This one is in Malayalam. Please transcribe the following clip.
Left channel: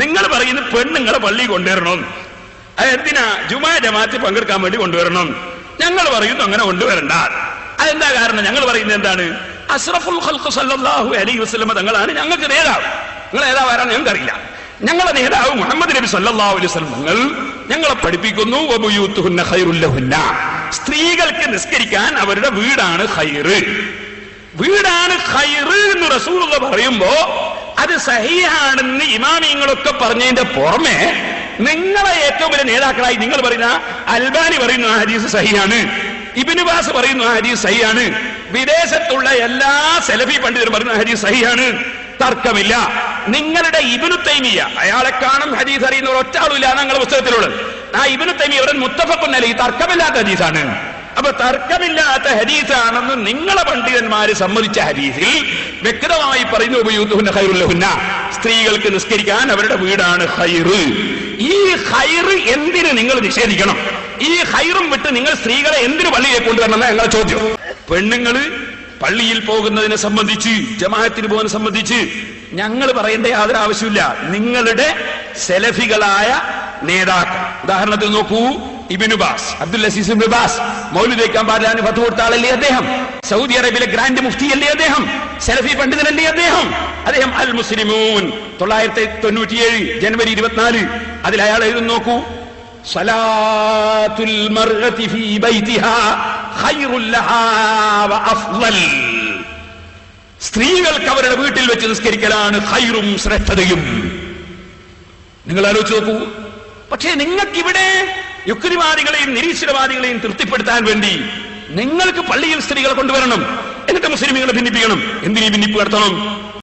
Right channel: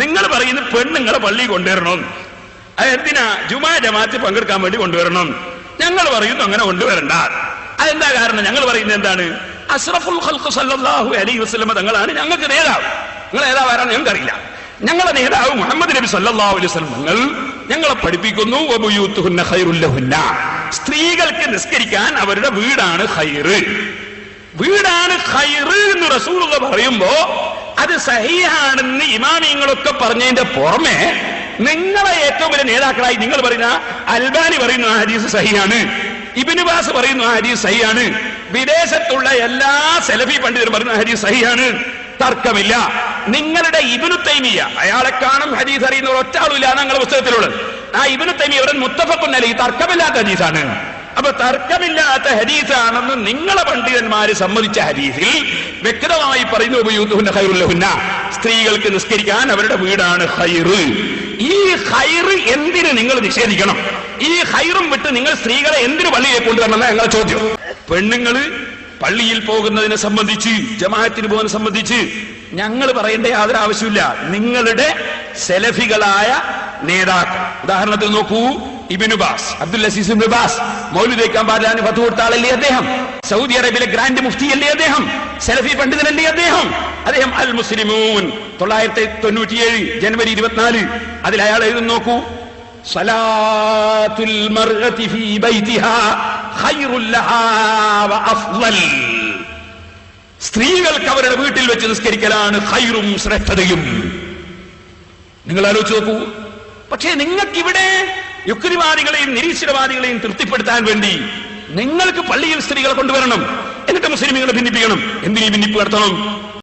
നിങ്ങൾ പറയുന്നത് പെണ്ണുങ്ങളെ പള്ളി കൊണ്ടുവരണം, എന്തിനാ ജുമാ ജമാഅത്തിൽ പങ്കെടുക്കാൻ വേണ്ടി കൊണ്ടുവരണം. ഞങ്ങൾ പറയുന്നു അങ്ങനെ കൊണ്ടുവരണ്ട. അതെന്താ കാരണം? ഞങ്ങൾ പറയുന്നത് എന്താണ്? അഷ്റഫുൽ ഖൽഖ് സല്ലല്ലാഹു അലൈഹി വസല്ലം തങ്ങളാണ് ഞങ്ങൾക്ക് നേതാവ്. നിങ്ങൾ നേതാവാരാണ് ഞങ്ങൾക്കറിയില്ല. ഞങ്ങളുടെ നേതാവ് മുഹമ്മദ് നബി സല്ലല്ലാഹു അലൈഹി വസല്ലം തങ്ങൾ ഞങ്ങളെ പഠിപ്പിക്കുന്നു, വബുയൂതുഹുന്ന ഖൈറുൽ ലഹുന്ന, സ്ത്രീകൾക്ക് നിസ്കരിക്കാൻ അവരുടെ വീടാണ് ഖൈറ്. വീടാണ് ഖൈറ് എന്ന് റസൂലുള്ളാഹി പറയുമ്പോ അത് സഹീഹാണെന്ന് ഇമാമിങ്ങളൊക്കെ പറഞ്ഞതിന്റെ പുറമെ നിങ്ങളെ ഏറ്റവും വലിയ നേതാക്കളായി നിങ്ങൾ പറയുന്ന അൽബാനി പറയുന്നു ആ ഹദീസ് സഹീഹാണ്, ഇബ്നു ബാസ് പറയുന്നു ആ ഹദീസ് സഹീഹാണ്, വിദേശത്തുള്ള എല്ലാ സലഫി പണ്ഡിതരും പറയുന്ന ഹദീസ് സഹീഹാണ്, തർക്കമില്ല. നിങ്ങളുടെ ഇബ്നു തൈമിയ, അയാളെ കാണും ഹദീസ് അറിയുന്ന ഒറ്റ ആളുമില്ല ഞങ്ങളുടെ പുസ്തകത്തിലുള്ളത്. ആ ഇബ്നു തൈമിയ മുത്തഫഖുൻ അലൈഹി, തർക്കമില്ലാത്ത ഹദീസാണ്. അപ്പൊ തർക്കമില്ലാത്ത ഹദീസാണെന്ന് നിങ്ങളെ പണ്ഡിതന്മാര് സമ്മതിച്ച ഹദീസിൽ വ്യക്തമായി പറയുന്നു, വബുയൂതുഹുന്ന ഖൈറുൽ ലഹുന്ന, സ്ത്രീകൾക്ക് നിസ്കരിക്കാൻ അവരുടെ വീടാണ് ഖൈറ്. ഈ ഖൈറ് എന്തിന് നിങ്ങൾ നിഷേധിക്കണം? ഈ ഖൈറും വിട്ട് നിങ്ങൾ സ്ത്രീകളെ എന്തിനു പള്ളിയിൽ കൊണ്ടുവരണം എന്നാ ഞങ്ങളുടെ ചോദ്യം. പെണ്ണുങ്ങള് പള്ളിയിൽ പോകുന്നതിനെ സംബന്ധിച്ച്, ജമാഅത്തിന് പോകുന്നതിനെ സംബന്ധിച്ച് ഞങ്ങൾ പറയേണ്ട യാതൊരു ആവശ്യമില്ല. നിങ്ങളുടെ സെലഫികളായ നേതാക്കൾ, ഉദാഹരണത്തിന് നോക്കൂ, Ibn Baz, Abdul Aziz Ibn Baz, മൗലിദ് വയ്ക്കാൻ പാടില്ല ഫത്വ കൊടുത്ത ആളല്ലേ അദ്ദേഹം? സൗദി അറേബ്യയിലെ ഗ്രാൻഡ് മുഫ്തി അല്ലേ അദ്ദേഹം? സലഫി പണ്ഡിതനല്ലേ അദ്ദേഹം? അദ്ദേഹം അൽ മുസ്ലിമൂൻ 1997 ജനുവരി 24 അതിൽ അയാൾ എഴുതുന്നു, നോക്കൂ, സലാത്തുൽ മർഅതി ഫീ ബൈതിഹാ ഖൈറുൽ ലഹാ വ അഫ്ളൽ, സ്ത്രീകൾക്ക് അവരുടെ വീട്ടിൽ വെച്ച് നിസ്കരിക്കലാണ് ഖൈറും ശ്രേഷ്ഠതയും. നിങ്ങൾ ആലോചിച്ച് നോക്കൂ. പക്ഷേ നിങ്ങൾക്കിവിടെ യുക്തിവാദികളെയും നിരീശ്വരവാദികളെയും തൃപ്തിപ്പെടുത്താൻ വേണ്ടി നിങ്ങൾക്ക് പള്ളിയിൽ സ്ത്രീകളെ കൊണ്ടുവരണം, എന്നിട്ട് മുസ്ലിമീങ്ങളെ ഭിന്നിപ്പിക്കണം. എന്തിനീ ഭിന്നിപ്പ് നടത്തണം?